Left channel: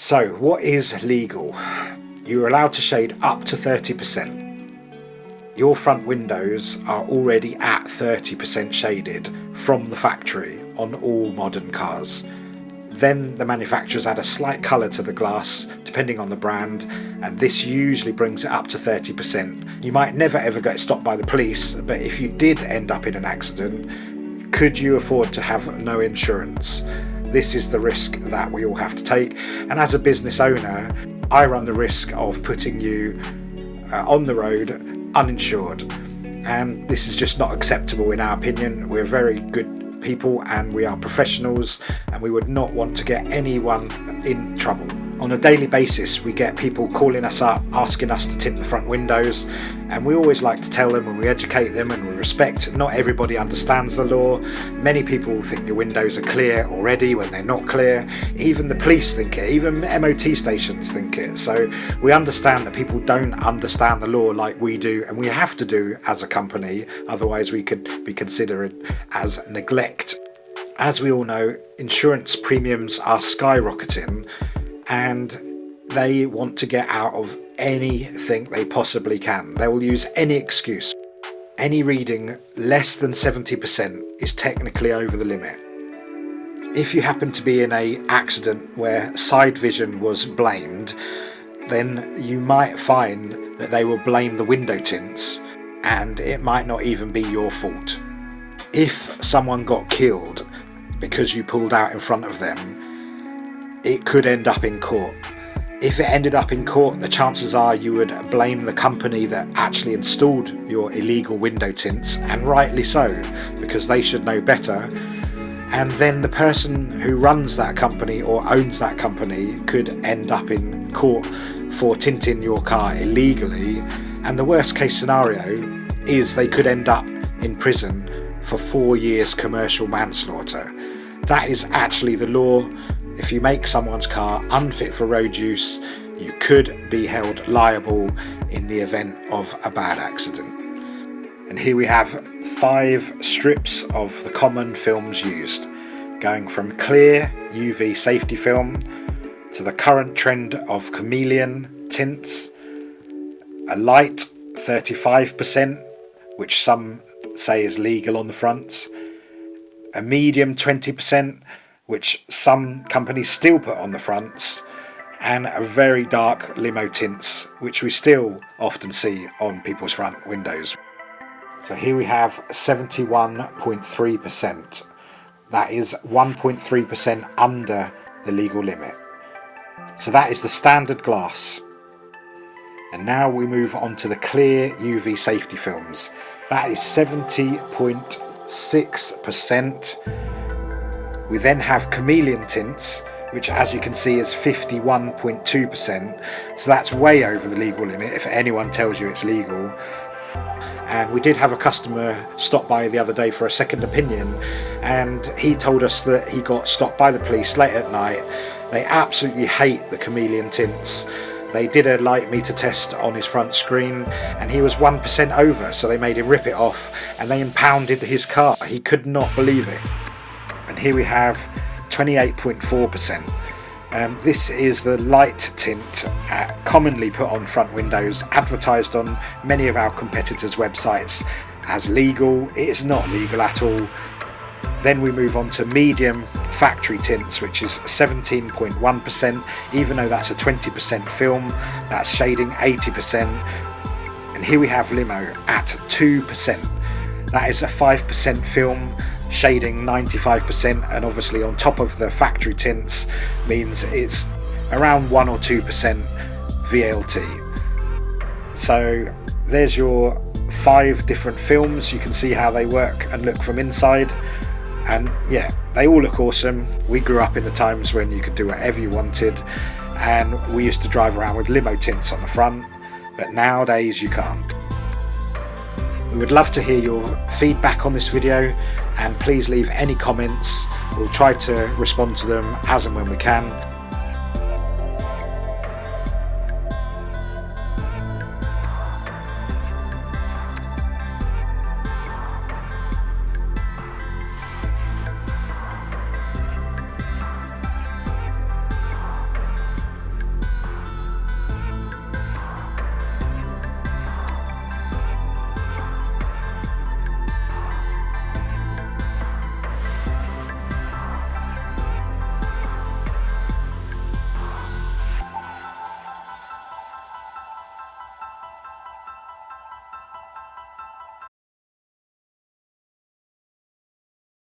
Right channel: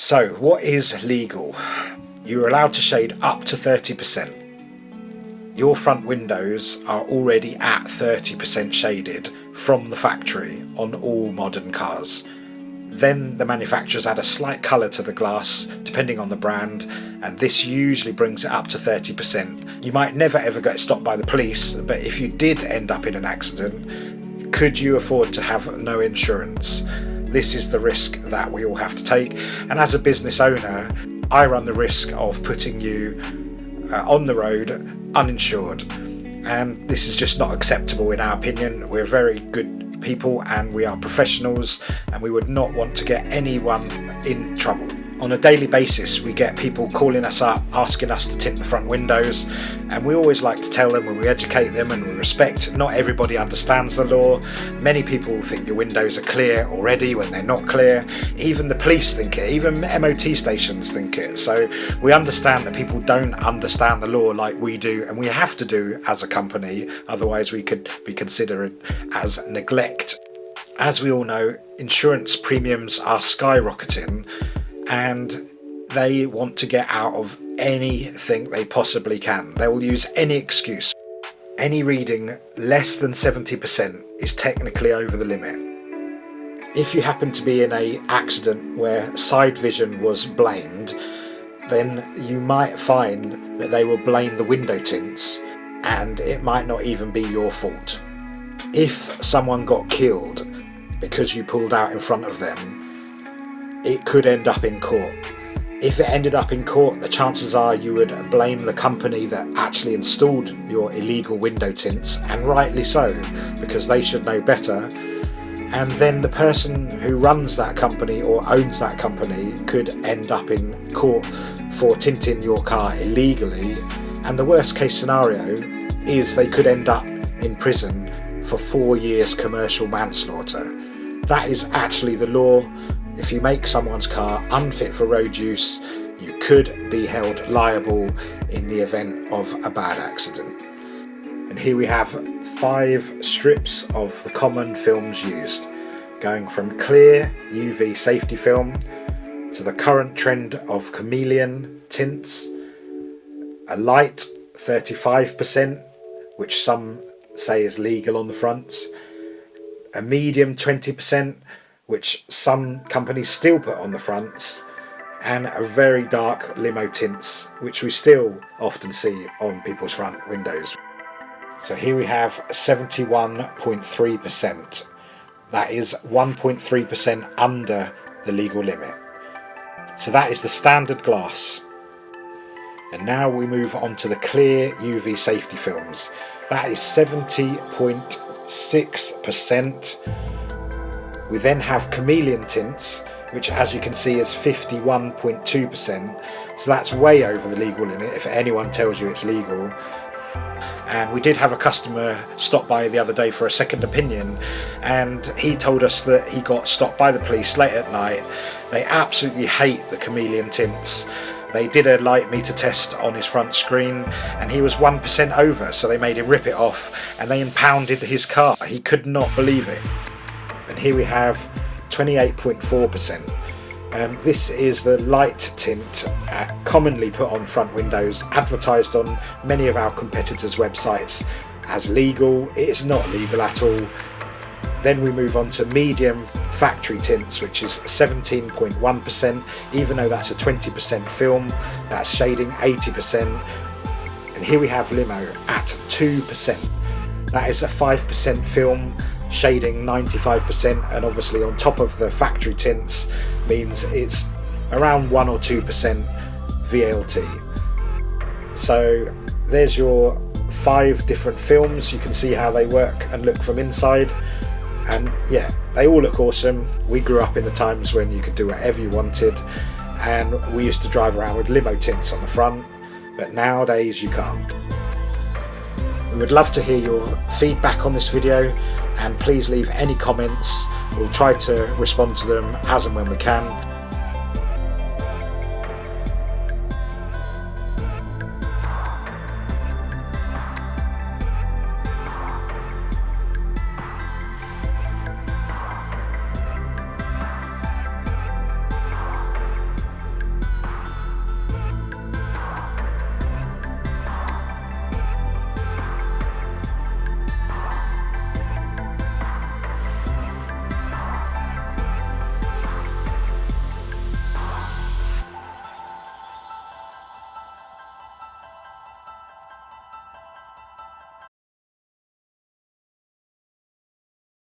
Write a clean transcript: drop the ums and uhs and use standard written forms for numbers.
So what is legal? You're allowed to shade up to 30%. Your front windows are already at 30% shaded from the factory on all modern cars. Then the manufacturers add a slight colour to the glass depending on the brand, and this usually brings it up to 30%. You might never ever get stopped by the police, but if you did end up in an accident, could you afford to have no insurance? This is the risk that we all have to take, and as a business owner, I run the risk of putting you on the road uninsured, and this is just not acceptable in our opinion. We're very good people and we are professionals, and we would not want to get anyone in trouble. On a daily basis we get people calling us up asking us to tint the front windows, and we always like to tell them, and we educate them, and we respect not everybody understands the law. Many people think your windows are clear already when they're not clear. Even the police think it, even MOT stations think it. So we understand that people don't understand the law like we do, and we have to do as a company, otherwise we could be considered as neglect. As we all know, insurance premiums are skyrocketing, and they want to get out of anything they possibly can. They will use any excuse. Any reading less than 70% is technically over the limit. If you happen to be in an accident where side vision was blamed, then you might find that they will blame the window tints, and it might not even be your fault. If someone got killed because you pulled out in front of them, it could end up in court. If it ended up in court, the chances are you would blame the company that actually installed your illegal window tints, and rightly so, because they should know better. And then the person who runs that company or owns that company could end up in court for tinting your car illegally, and the worst case scenario is they could end up in prison for 4 years commercial manslaughter. That is actually the law. If you make someone's car unfit for road use, you could be held liable in the event of a bad accident. And here we have 5 strips of the common films used, going from clear UV safety film to the current trend of Chameleon Tints, a light 35%, which some say is legal on the fronts, a medium 20%, which some companies still put on the fronts, and a very dark limo tints, which we still often see on people's front windows. So here we have 71.3%. That is 1.3% under the legal limit. So that is the standard glass. And now we move on to the clear UV safety films. That is 70.6%. We then have Chameleon Tints, which as you can see is 51.2%, so that's way over the legal limit if anyone tells you it's legal. And we did have a customer stop by the other day for a second opinion, and he told us that he got stopped by the police late at night. They absolutely hate the Chameleon Tints. They did a light meter test on his front screen and he was 1% over, so they made him rip it off and they impounded his car. He could not believe it. And here we have 28.4%. This is the light tint commonly put on front windows, advertised on many of our competitors' websites as legal. It is not legal at all. Then we move on to medium factory tints, which is 17.1%, even though that's a 20% film, that's shading 80%. And here we have limo at 2%. That is a 5% film, shading 95%, and obviously on top of the factory tints means it's around 1 or 2% VLT. So there's your 5 different films. You can see how they work and look from inside, and yeah, they all look awesome. We grew up in the times when you could do whatever you wanted, and we used to drive around with limo tints on the front, but nowadays you can't. We would love to hear your feedback on this video, and please leave any comments. We'll try to respond to them as and when we can.